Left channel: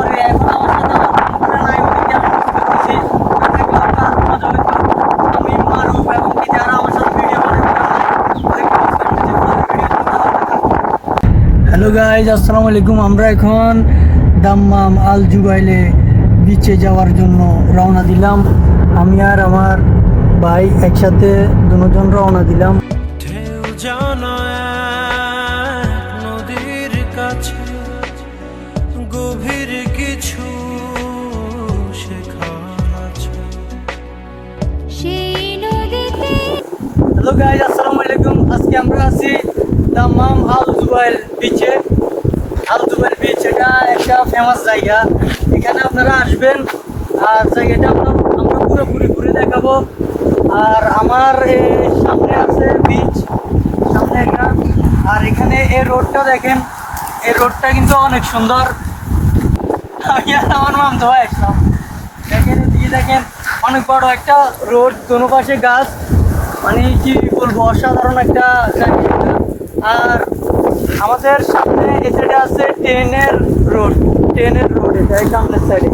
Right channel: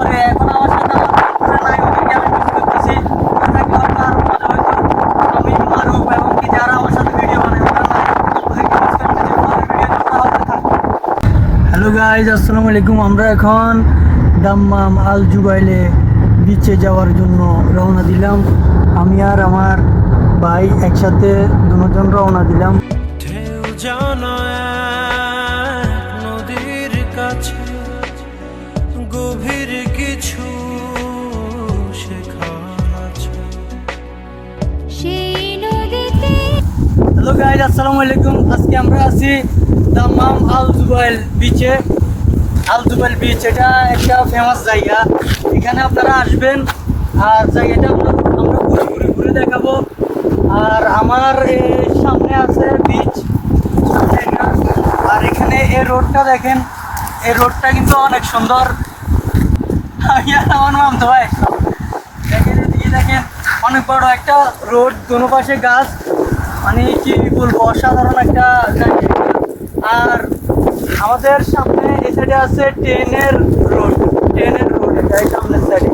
তারপরে এখন আমার সাথে আমার বন্ধুরা নাই, ওদেরকে আমি মিস করতেছি। না থাকলে আমরা আরো মজা হইতো। আমি মারুফ এবং কি যারা আমার সাথে ভিডিও বানায় ওরা নাই, ওদেরকে মিস করতেছি। পরের ভিডিও থাকবে। হ্যালো গাইজ, আসসালামু আলাইকুম। আমরা এখন দাম্মাম আল জুবাইলে বিচে যাওয়ার জন্য রওনা দিলাম। আমি আর আমার ভাই একসাথে দুজন রওনা দিলাম। ঢেউ জানা এক নদীর কাছে গভীর কিছু শেখার আছে সেই নদীতে। হ্যালো গাইজ, আসসালামু আলাইকুম। আজকে আমরা আছি দাম্মাম আল জুবাইল বিচে। আল জুবাইল বিচ এটা একটা ফেমাস জায়গা। এখানে আপনারা আসবেন আর জায়গাটা আমরা পুরোপুরি ঘুরে দেখাবো। আর আমার সামনে আছে বিচ, সামনে এটা। আর এখানে এই রোডটা দেখেন, এই রোডটা কিন্তু অনেক সুন্দর। আমি আর আমার মামতো ভাই একদম দেখেন, এদিকে দেখেন অনেক বড় একটা রোড, দোনো পাশে গাছ, মানে কি বলবো, অসাধারণ একটা জায়গা। আর আমাদের সামনে এই সাইডে আছে ট্রেনের রোড এটা এই সামনের সাইডে।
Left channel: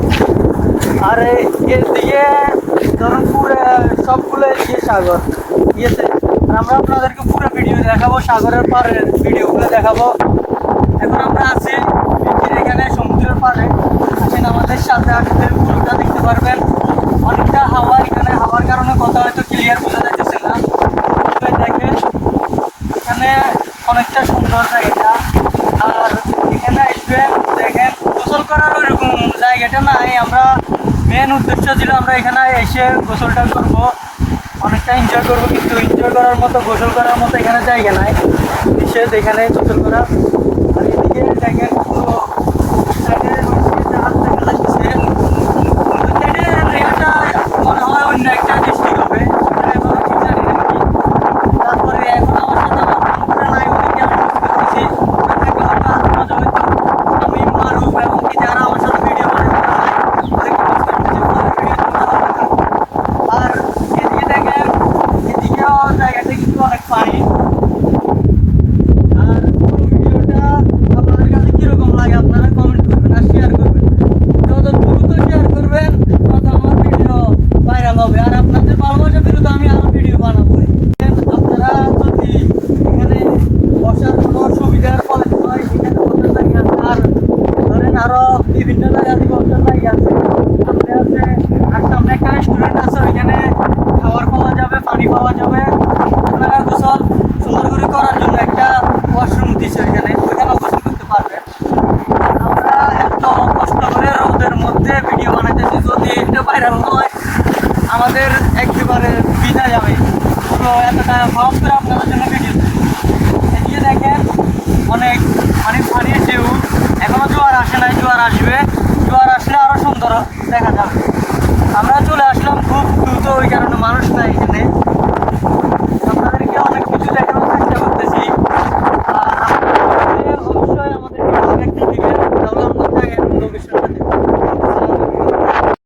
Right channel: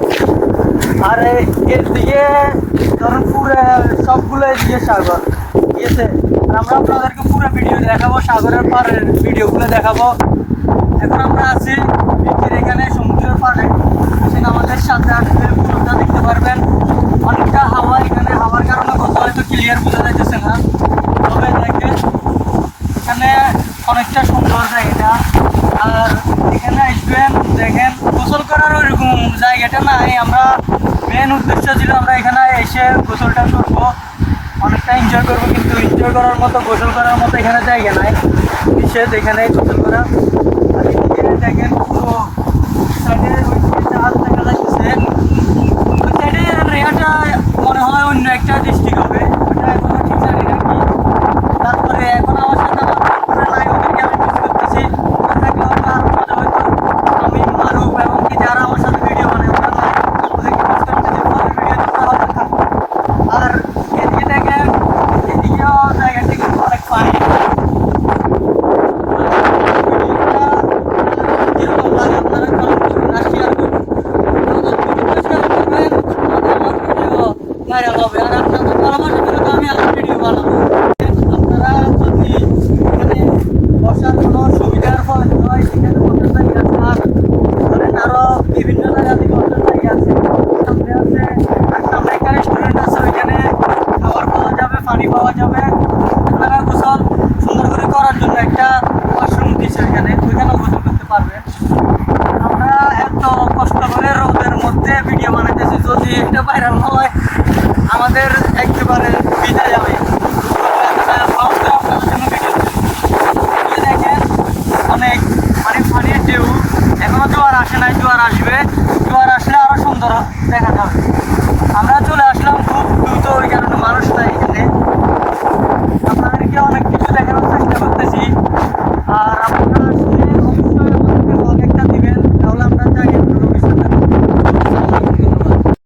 আর এর দিকে ধরুন পুরো সবগুলো এদিকে সাগর, ঠিক আছে। আর আমরা আপনাদেরকে পুরো ভিডিও দেখাবো, সাগরের পাড়ের ভিডিওগুলো দেখাবো। এখন আমরা আছি বিচের এখানে, সমুদ্রের পাড়ে। এখন আমাদের সাথে আসলে পুরোটা দেখতে পারবেন। অনেকটা হাওয়া, এখানে হাওয়ার কারণে কথা হয়তো ক্লিয়ার বোঝা যাচ্ছে না, তবে দেখেন এখানে অনেকটা সুন্দর জায়গাটা। আর এখানে আসবেন, দেখেন গোসল করার ওইরকম জায়গাটা নাই। আমরা মেন উদ্দেশ্য ছিল আমরা এখানে এসে গোসলটা করবো, অনেকটা এনজয় করবো, কিন্তু এনজয় করার মতো, গোসল করার মতো এখানে জায়গা নাই। এসে এখানে গোসল করা। আর এদিকে দেখেন পুরো সাইডের জাহাজ দেখা যাচ্ছে। ওই সাইডের রেহাটা মনে হয় অন্য একটা ডিস্ট্রিক্ট হবে, ওটা এখনো ঠিক জানি না কি। তারপরে এখন আমার সাথে আমার বন্ধুরা নাই, ওদেরকে আমি মিস করতেছি। না থাকলে হয়তো আরো মজা হইতো। আমি মারুফ এবং কি যারা আমার সাথে ভিডিও বানায় ওরা নাই, ওদেরকে মিস করতেছি। পরের ভিডিও থাকবে। আর এদিকে দেখেন, এদিকেও জায়গাটা কিন্তু অনেক ফানি। কিরকম লাগে আপনারা কমেন্ট করবেন আর শেয়ার করবেন। আপনাদের ভিডিও শেয়ার করবেন, আমার ভিডিও ভাইরাল হবে। আর আপনাদের ভালোবাসা পেলে তো আমি আরো ভিডিও বানাবো। আপনারা যদি এখানে বসার কোনো সুবিধার হয়, সেখানে বসার জায়গা আছে। আর ধরেন আরো বিভিন্ন জায়গাতে বসার জায়গা আছে, সামনে আছে। আর সামনে একটা রেস্টুরেন্ট আছে, ওইখানে খাবার পাওয়া যাবে, পানি পাওয়া যাবে। আপনারা গোসল সুন্দর করে করার জন্য একটা ওয়াশরুম দিচ্ছে ওইখানে, ওইখানেও গোসল করতে পারবেন। আমরা এত কষ্ট করে রোদের মধ্যে ভিডিও বানাইতেছি, যদি এটা ভাইরাল হয় আমাদের একেবারে বিদায় যাবে। তো এতটা ভাব করে আপনাদের জন্য ভিডিও এগিয়ে দেখেন, অনেক মানে পানির ঢেউ। এখনো জোয়ার আসে নাই, জোয়ার আসবে। জোয়ার আসলে আরো সুন্দর দেখা যাবে। আমরা চলে আসলাম খুব দ্রুত, ওই কারণে মানুষ নাই এখানে। আপনাদেরকে অনেক